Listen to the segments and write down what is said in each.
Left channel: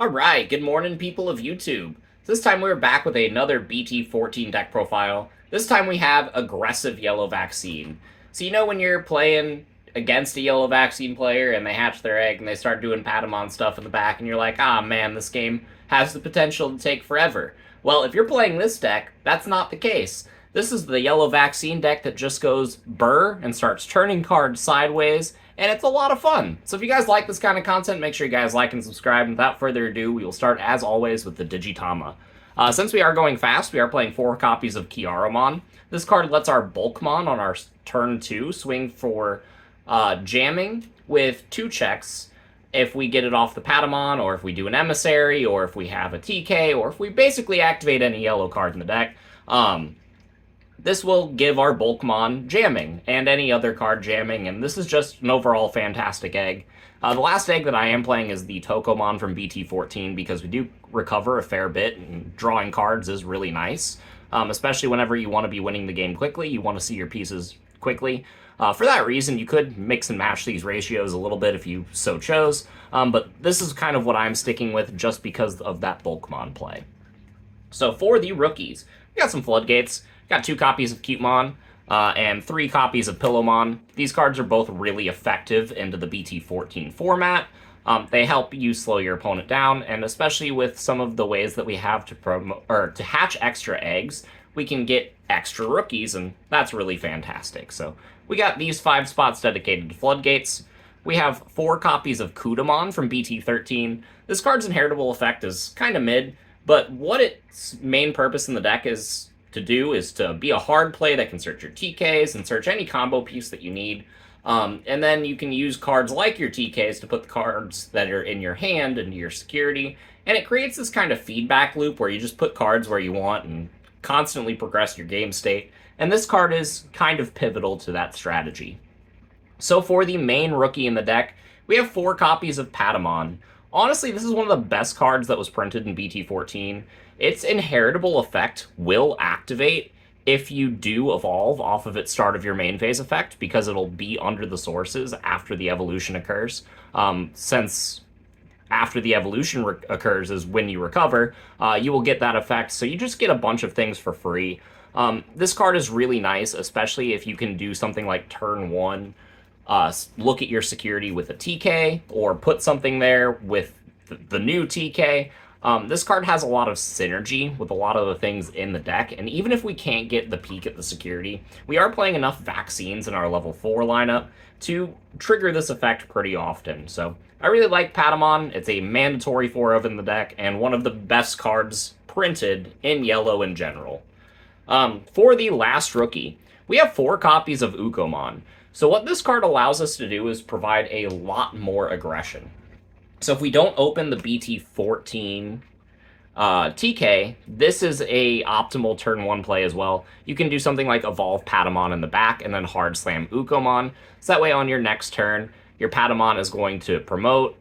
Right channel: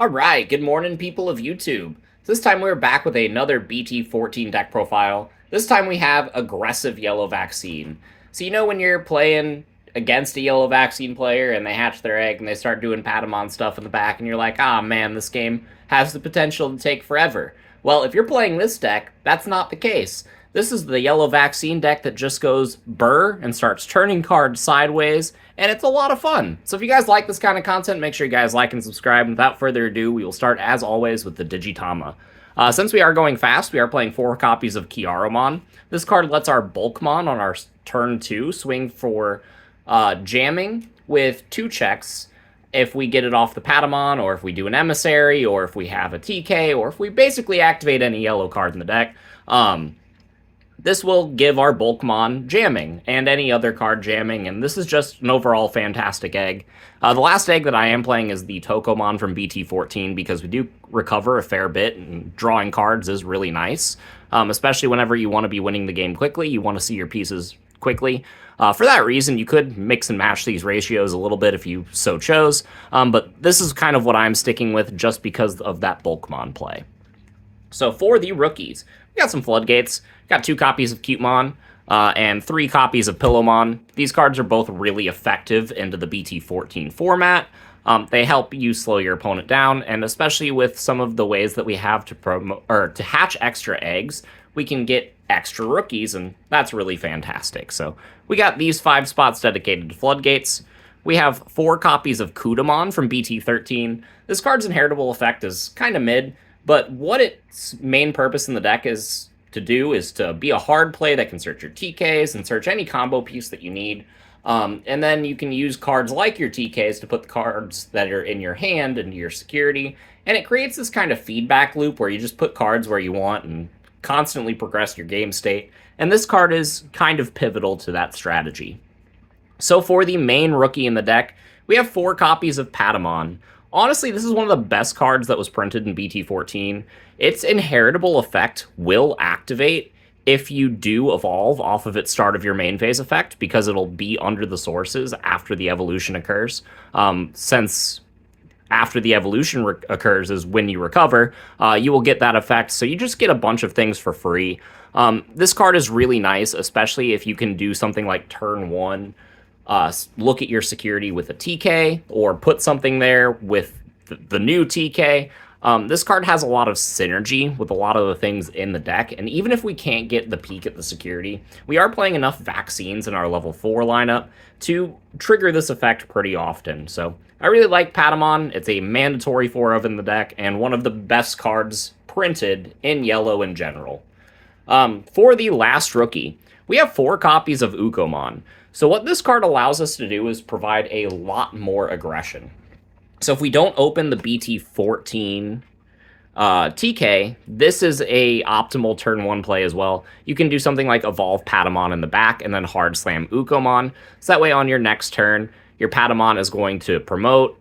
Alright, good morning, people of YouTube. This time we're back with another BT14 deck profile. This time we have Aggressive Yellow Vaccine. So you know when you're playing against a Yellow Vaccine player and they hatch their egg and they start doing Patamon stuff in the back and you're like, ah man, this game has the potential to take forever. Well, if you're playing this deck, that's not the case. This is the Yellow Vaccine deck that just goes burr and starts turning cards sideways, and it's a lot of fun. So if you guys like this kind of content, make sure you guys like and subscribe. And without further ado, we will start, as always, with the digi-panda. Since we are going fast, we are playing 4 copies of Kiaramon. This card lets our Bulkmon on our turn 2 swing for jamming with 2 checks if we get it off the Patamon, or if we do an Emissary, or if we have a TK, or if we basically activate any yellow card in the deck. This will give our Bulkmon jamming, and any other card jamming, and this is just an overall fantastic egg. The last egg that I am playing is the Tokomon from BT14, because we do recover a fair bit, and drawing cards is really nice, especially whenever you want to be winning the game quickly, you want to see your pieces quickly. For that reason, you could mix and match these ratios a little bit if you so chose, but this is kind of what I'm sticking with just because of that Bulkmon play. So for the rookies, we got some Floodgates. Got 2 copies of Cutemon and 3 copies of Pillowmon. These cards are both really effective into the BT14 format. They help you slow your opponent down, and especially with some of the ways that we have to promote or to hatch extra eggs, we can get extra rookies, and that's really fantastic. So we got these 5 spots dedicated to Floodgates. We have 4 copies of Kudamon from BT13. This card's inheritable effect is kind of mid, but what its main purpose in the deck is to be a hard play that can search your TKs and search any combo piece that you need. And then you can use cards like your TKs to put the cards that are in your hand into your security. And it creates this kind of feedback loop where you just put cards where you want and constantly progress your game state. And this card is kind of pivotal to that strategy. So for the main rookie in the deck, we have 4 copies of Patamon. Honestly, this is one of the best cards that was printed in BT14. Its inheritable effect will activate if you do evolve off of its start of your main phase effect, because it'll be under the sources after the evolution occurs. Since after the evolution occurs is when you recover, you will get that effect. So you just get a bunch of things for free. This card is really nice, especially if you can do something like turn 1, look at your security with a TK, or put something there with the new TK. This card has a lot of synergy with a lot of the things in the deck, and even if we can't get the peak at the security, we are playing enough vaccines in our level 4 lineup to trigger this effect pretty often. So I really like Patamon. It's a mandatory 4 of in the deck, and one of the best cards printed in yellow in general. For the last rookie, we have 4 copies of Ukomon. So what this card allows us to do is provide a lot more aggression. So if we don't open the BT14 TK, this is a optimal turn 1 play as well. You can do something like Evolve Patamon in the back and then Hard Slam Ukomon. So that way on your next turn, your Patamon is going to promote.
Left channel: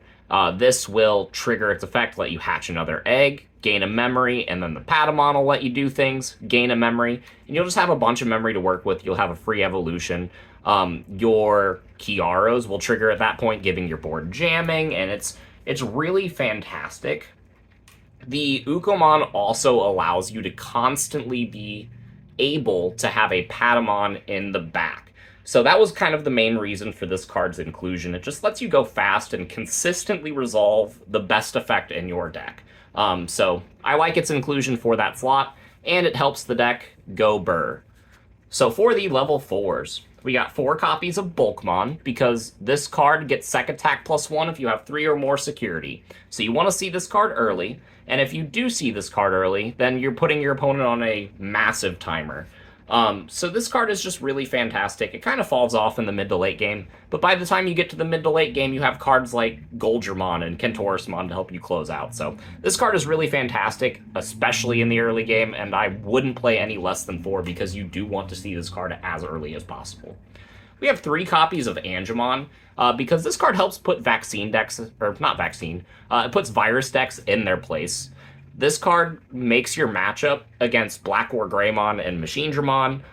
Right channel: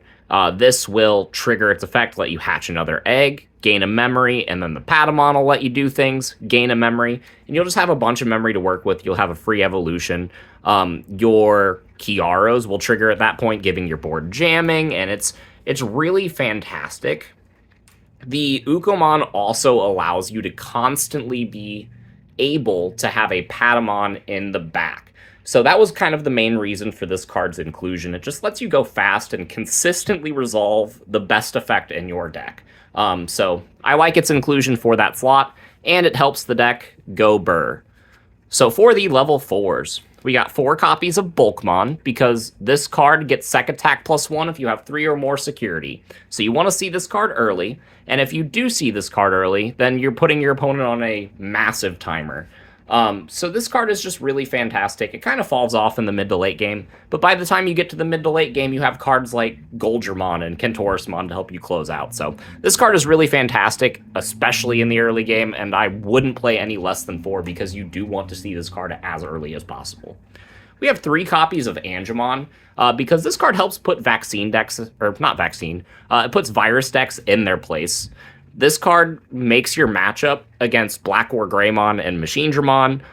This will trigger its effect, let you hatch another egg, gain a memory, and then the Patamon will let you do things, gain a memory, and you'll just have a bunch of memory to work with. You'll have a free evolution. Your Kiaros will trigger at that point, giving your board jamming, and it's really fantastic. The Ukomon also allows you to constantly be able to have a Patamon in the back. So that was kind of the main reason for this card's inclusion. It just lets you go fast and consistently resolve the best effect in your deck. So I like its inclusion for that slot, and it helps the deck go burr. So for the level 4s, we got 4 copies of Bulkmon, because this card gets Sec Attack +1 if you have 3 or more security. So you want to see this card early, and if you do see this card early, then you're putting your opponent on a massive timer. So this card is just really fantastic. It kind of falls off in the mid to late game, but by the time you get to the mid to late game, you have cards like Goldramon and Kentorusmon to help you close out. So this card is really fantastic, especially in the early game, and I wouldn't play any less than 4 because you do want to see this card as early as possible. We have 3 copies of Angemon, because this card helps put vaccine decks, or not vaccine, it puts virus decks in their place. This card makes your matchup against Black War Greymon and Machinedramon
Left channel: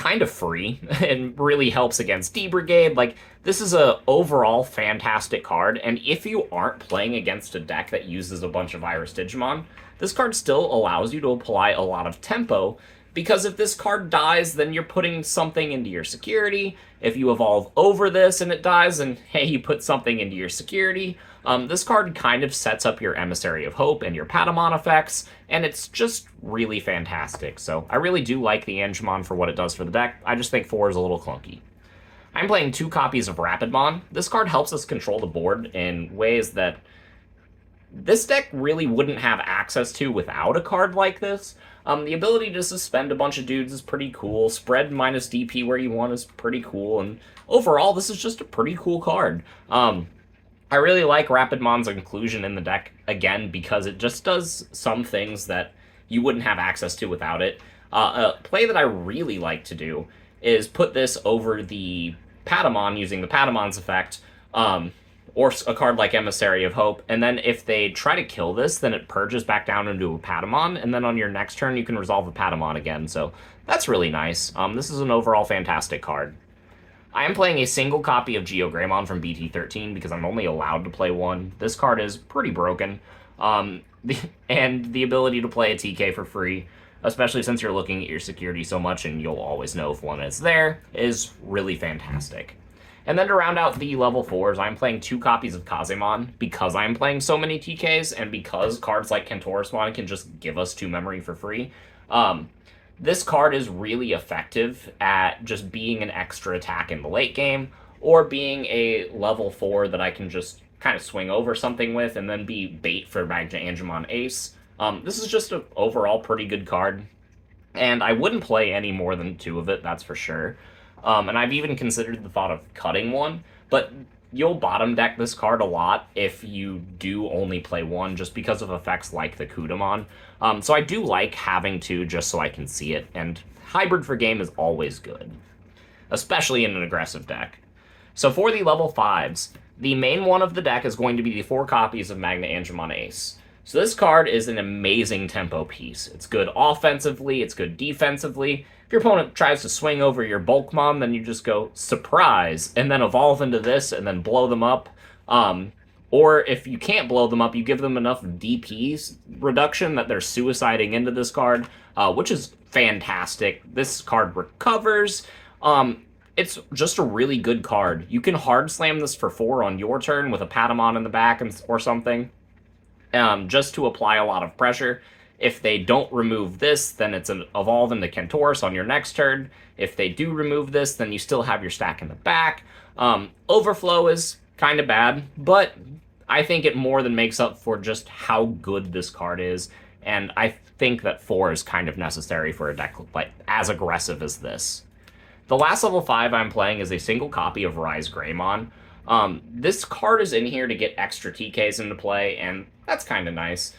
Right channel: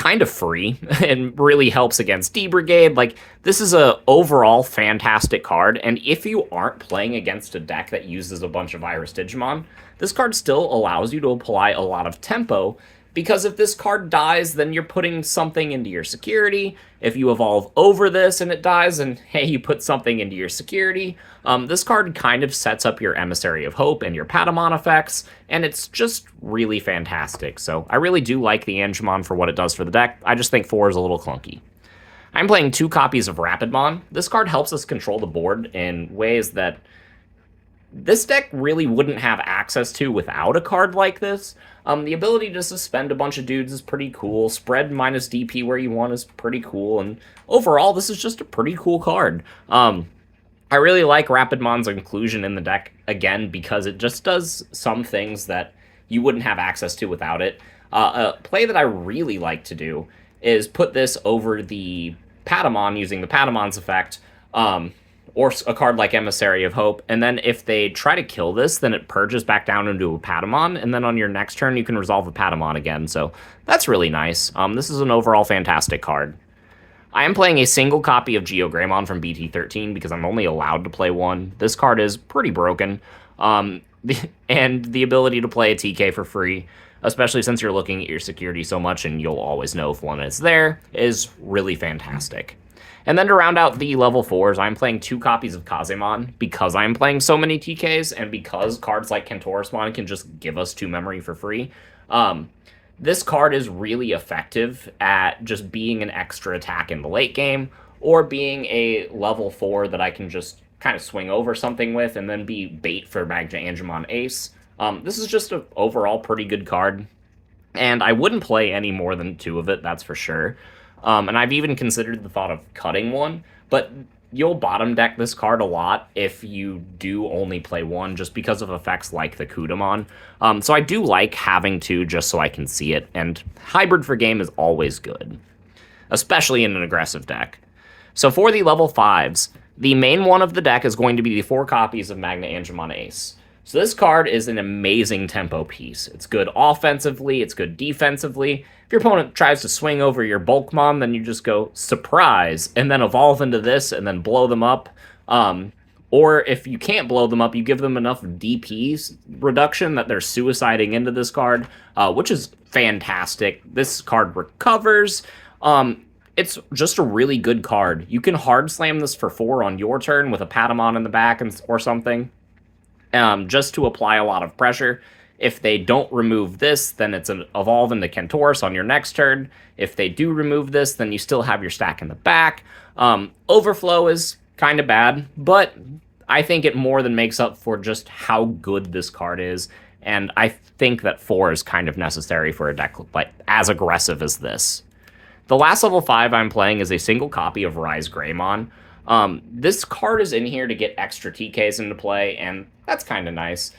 kind of free and really helps against D-Brigade. Like, this is a overall fantastic card, and if you aren't playing against a deck that uses a bunch of Iris Digimon, this card still allows you to apply a lot of tempo, because if this card dies, then you're putting something into your security. If you evolve over this and it dies, and hey, you put something into your security, this card kind of sets up your Emissary of Hope and your Patamon effects, and it's just really fantastic. So I really do like the Angemon for what it does for the deck. I just think 4 is a little clunky. I'm playing 2 copies of Rapidmon. This card helps us control the board in ways that this deck really wouldn't have access to without a card like this. The ability to suspend a bunch of dudes is pretty cool. Spread minus DP where you want is pretty cool. And overall, this is just a pretty cool card. I really like Rapidmon's inclusion in the deck, again, because it just does some things that you wouldn't have access to without it. A play that I really like to do is put this over the Patamon using the Patamon's effect, or a card like Emissary of Hope, and then if they try to kill this, then it purges back down into a Patamon, and then on your next turn you can resolve a Patamon again, so that's really nice. This is an overall fantastic card. I am playing a single copy of Geogreymon from BT13 because I'm only allowed to play one. This card is pretty broken, and the ability to play a TK for free, especially since you're looking at your security so much and you'll always know if one is there, is really fantastic. And then to round out the level 4s, I'm playing 2 copies of Kazemon because I'm playing so many TKs and because cards like Kentorosmon can just give us 2 memory for free. This card is really effective at just being an extra attack in the late game, or being a level 4 that I can just kind of swing over something with and then be bait for Magna Angemon Ace. This is just an overall pretty good card, and I wouldn't play any more than 2 of it, that's for sure. And I've even considered the thought of cutting one, but you'll bottom deck this card a lot if you do only play one, just because of effects like the Kudamon. So I do like having 2 just so I can see it, and hybrid for game is always good, especially in an aggressive deck. So for the level 5s, the main one of the deck is going to be the 4 copies of Magna Angemon Ace. So this card is an amazing tempo piece. It's good offensively, it's good defensively. If your opponent tries to swing over your Bulkmon, then you just go, surprise, and then evolve into this and then blow them up. Or if you can't blow them up, you give them enough DPs reduction that they're suiciding into this card, which is fantastic. This card recovers. It's just a really good card. You can hard slam this for 4 on your turn with a Patamon in the back or something, just to apply a lot of pressure. If they don't remove this, then it's an evolve into Kentorus on your next turn. If they do remove this, then you still have your stack in the back. Overflow is kind of bad, but I think it more than makes up for just how good this card is, and I think that 4 is kind of necessary for a deck like as aggressive as this. The last level 5 I'm playing is a single copy of Rise Greymon. This card is in here to get extra TKs into play, and that's kind of nice.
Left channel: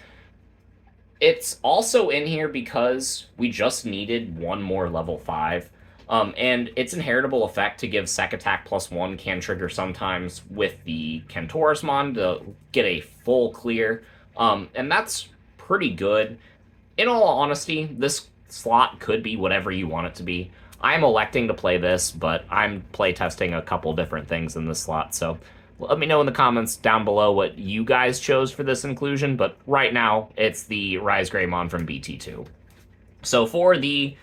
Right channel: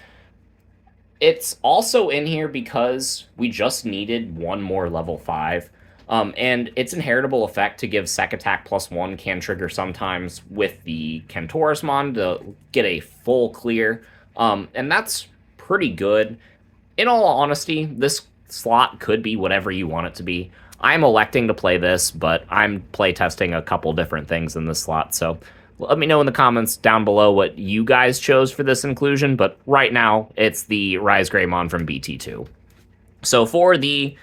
It's also in here because we just needed one more level 5. And its inheritable effect to give Sec Attack +1 can trigger sometimes with the Kentorosmon to get a full clear. And that's pretty good. In all honesty, this slot could be whatever you want it to be. I'm electing to play this, but I'm playtesting a couple different things in this slot, so let me know in the comments down below what you guys chose for this inclusion, but right now, it's the Rise Greymon from BT2. So for the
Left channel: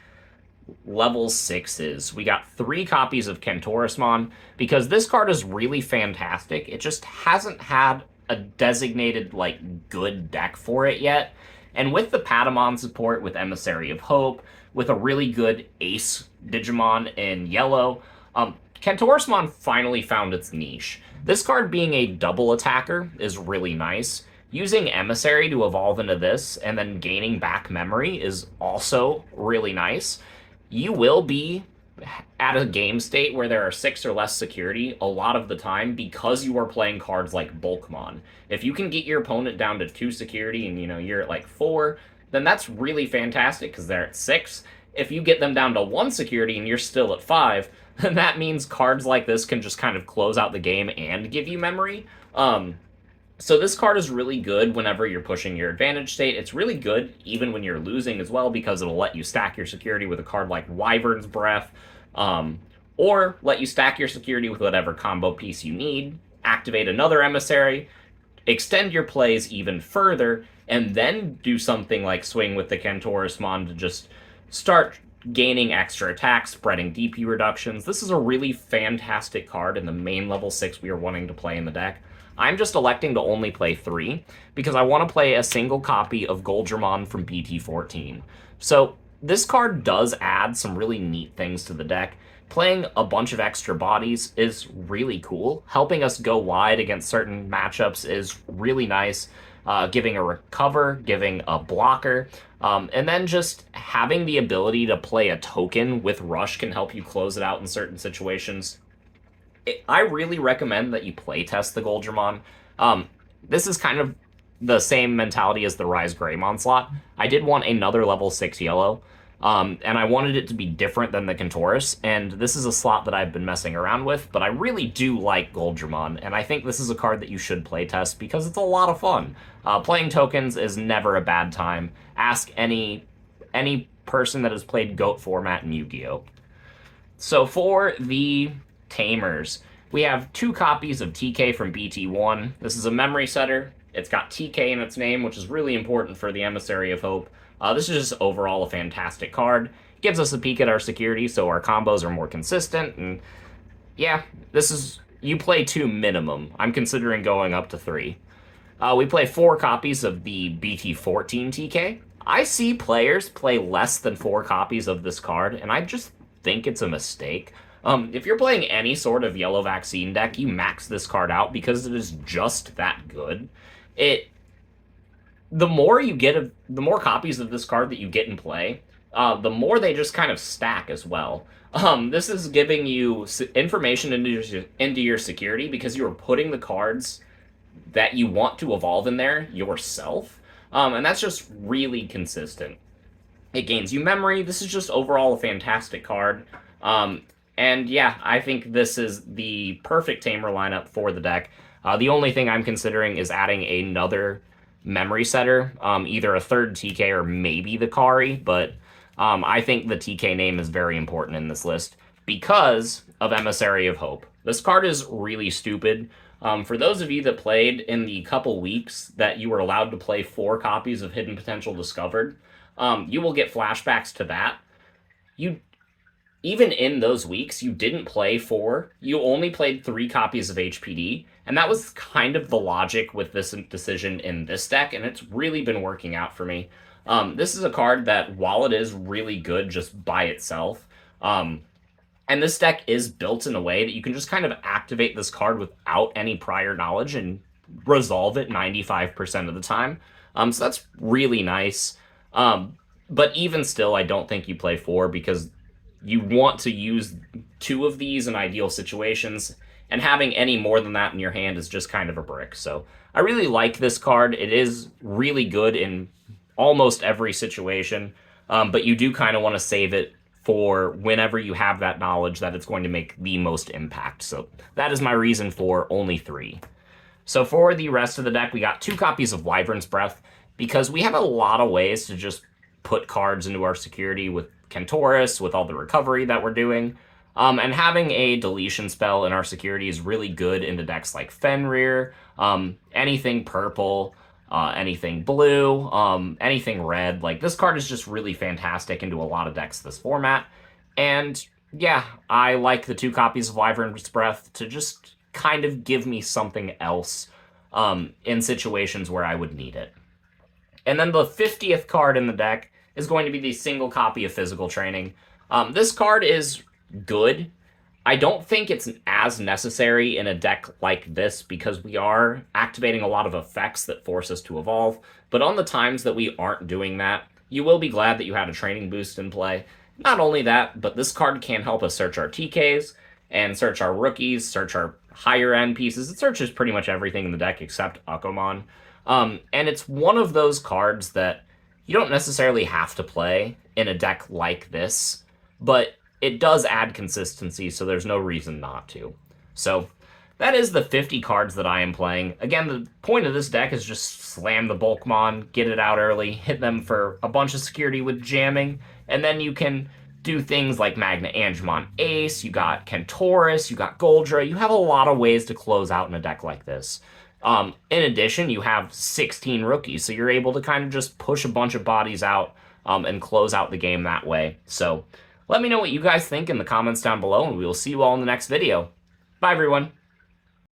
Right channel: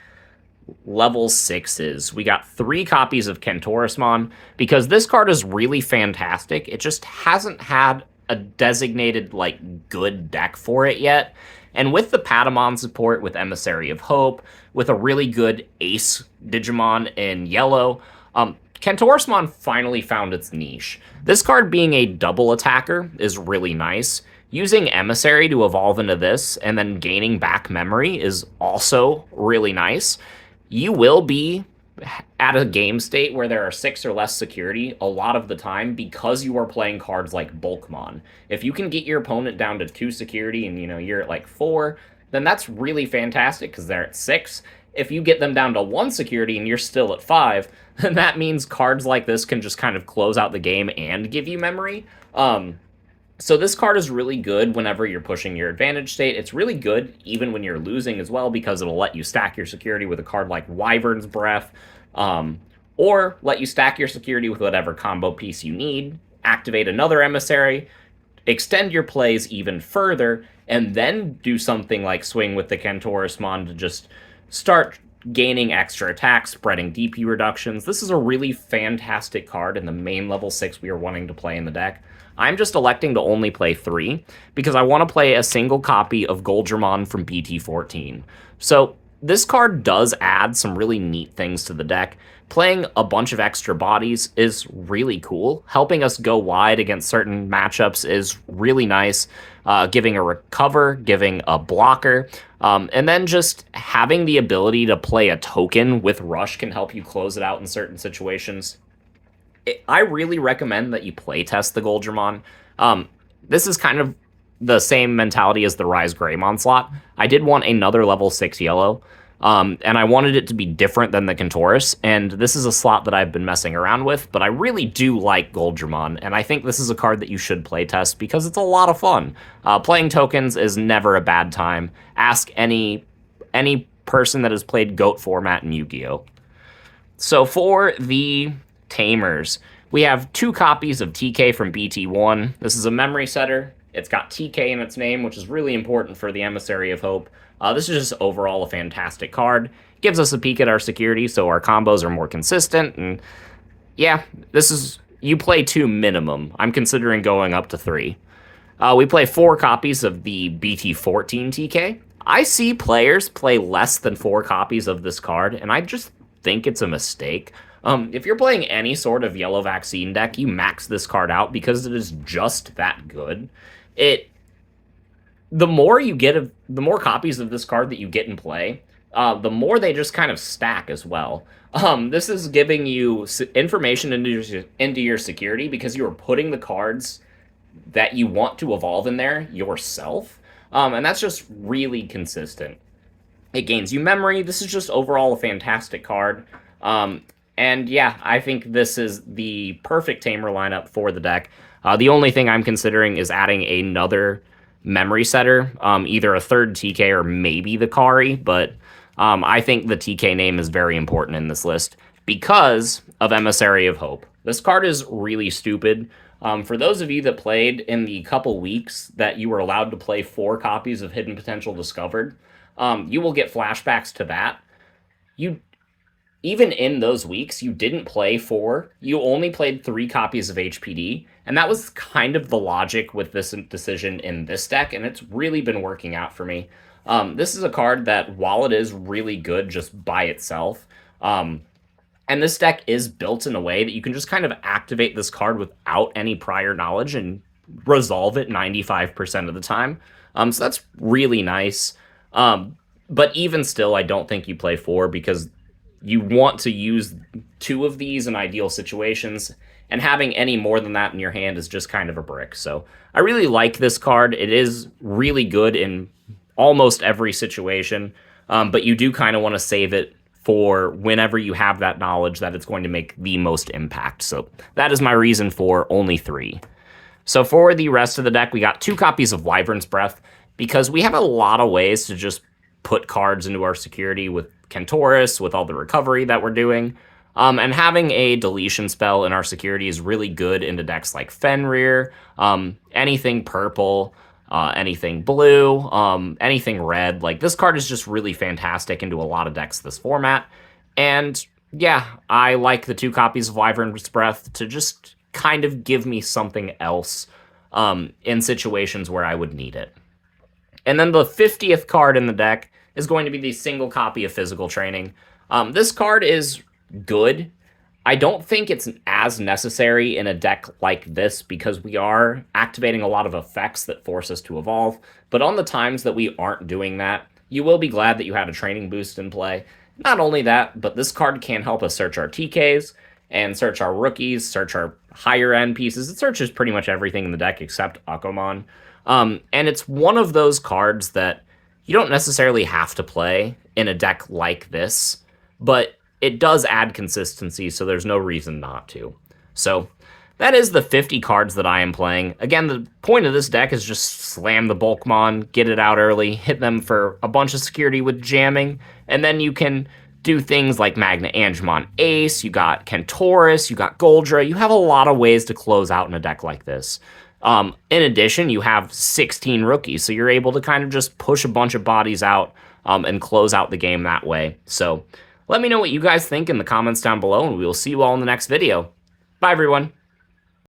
level 6s, we got 3 copies of Kentorosmon, because this card is really fantastic. It just hasn't had a designated, good deck for it yet. And with the Patamon support, with Emissary of Hope, with a really good Ace Digimon in yellow, Kentorosmon finally found its niche. This card being a double attacker is really nice. Using Emissary to evolve into this and then gaining back memory is also really nice. You will be at a game state where there are 6 or less security a lot of the time because you are playing cards like Bulkmon. If you can get your opponent down to 2 security and you're at 4, then that's really fantastic because they're at 6. If you get them down to 1 security and you're still at 5, then that means cards like this can just kind of close out the game and give you memory. So this card is really good whenever you're pushing your advantage state. It's really good even when you're losing as well because it'll let you stack your security with a card like Wyvern's Breath, um, or let you stack your security with whatever combo piece you need, activate another emissary, extend your plays even further, and then do something like swing with the Cantorismon to just start gaining extra attacks, spreading DP reductions. This is a really fantastic card in the main level 6 we are wanting to play in the deck. I'm just electing to only play 3 because I want to play a single copy of Goldramon from BT14. So this card does add some really neat things to the deck. Playing a bunch of extra bodies is really cool. Helping us go wide against certain matchups is really nice. Giving a recover, giving a blocker, and then just having the ability to play a token with Rush can help you close it out in certain situations. I really recommend that you play test the Goldramon. This is kind of the same mentality as the Rise Greymon slot. I did want another level 6 yellow, and I wanted it to be different than the Cantoris, and this is a slot that I've been messing around with, but I really do like Goldramon, and I think this is a card that you should play test because it's a lot of fun. Playing tokens is never a bad time. Ask any person that has played GOAT format in Yu-Gi-Oh! So for the Tamers, we have 2 copies of TK from BT1. This is a memory setter. It's got TK in its name, which is really important for the Emissary of Hope. This is just overall a fantastic card. Gives us a peek at our security, so our combos are more consistent. And yeah, this is, you play 2 minimum. I'm considering going up to 3. We play 4 copies of the BT14 TK. I see players play less than 4 copies of this card, and I just think it's a mistake. If you're playing any sort of yellow vaccine deck, you max this card out because it is just that good. It the more you get of the more copies of this card that you get in play, the more they just kind of stack as well. This is giving you information into your security because you are putting the cards that you want to evolve in there yourself, and that's just really consistent. It gains you memory. This is just overall a fantastic card. And yeah, I think this is the perfect Tamer lineup for the deck. The only thing I'm considering is adding another memory setter, either a third TK or maybe the Kari, but I think the TK name is very important in this list because of Emissary of Hope. This card is really stupid. For those of you that played in the couple weeks that you were allowed to play 4 copies of Hidden Potential Discovered, you will get flashbacks to that. You even in those weeks, you didn't play 4. You only played 3 copies of HPD, and that was kind of the logic with this decision in this deck, and it's really been working out for me. This is a card that, while it is really good just by itself, and this deck is built in a way that you can just kind of activate this card without any prior knowledge and resolve it 95% of the time. So that's really nice. But even still, I don't think you play 4 because you want to use 2 of these in ideal situations, and having any more than that in your hand is just kind of a brick. So I really like this card. It is really good in almost every situation, but you do kind of want to save it for whenever you have that knowledge that it's going to make the most impact. So that is my reason for only 3. So for the rest of the deck, we got 2 copies of Wyvern's Breath because we have a lot of ways to just put cards into our security with Cantoris, with all the recovery that we're doing. And having a deletion spell in our security is really good into decks like Fenrir, anything purple, anything blue, anything red. Like, this card is just really fantastic into a lot of decks this format. And yeah, I like the 2 copies of Wyvern's Breath to just kind of give me something else in situations where I would need it. And then the 50th card in the deck is going to be the single copy of Physical Training. This card is good. I don't think it's as necessary in a deck like this because we are activating a lot of effects that force us to evolve. But on the times that we aren't doing that, you will be glad that you had a training boost in play. Not only that, but this card can help us search our TKs and search our rookies, search our higher end pieces. It searches pretty much everything in the deck except Akomon. And it's one of those cards that you don't necessarily have to play in a deck like this, but it does add consistency, so there's no reason not to. So that is the 50 cards that I am playing. Again, the point of this deck is just slam the Bulkmon, get it out early, hit them for a bunch of security with jamming, and then you can do things like Magna Angemon Ace, you got Kentaurus, you got Goldra. You have a lot of ways to close out in a deck like this. In addition, you have 16 rookies, so you're able to kind of just push a bunch of bodies out and close out the game that way. So let me know what you guys think in the comments down below, and we will see you all in the next video. Bye, everyone.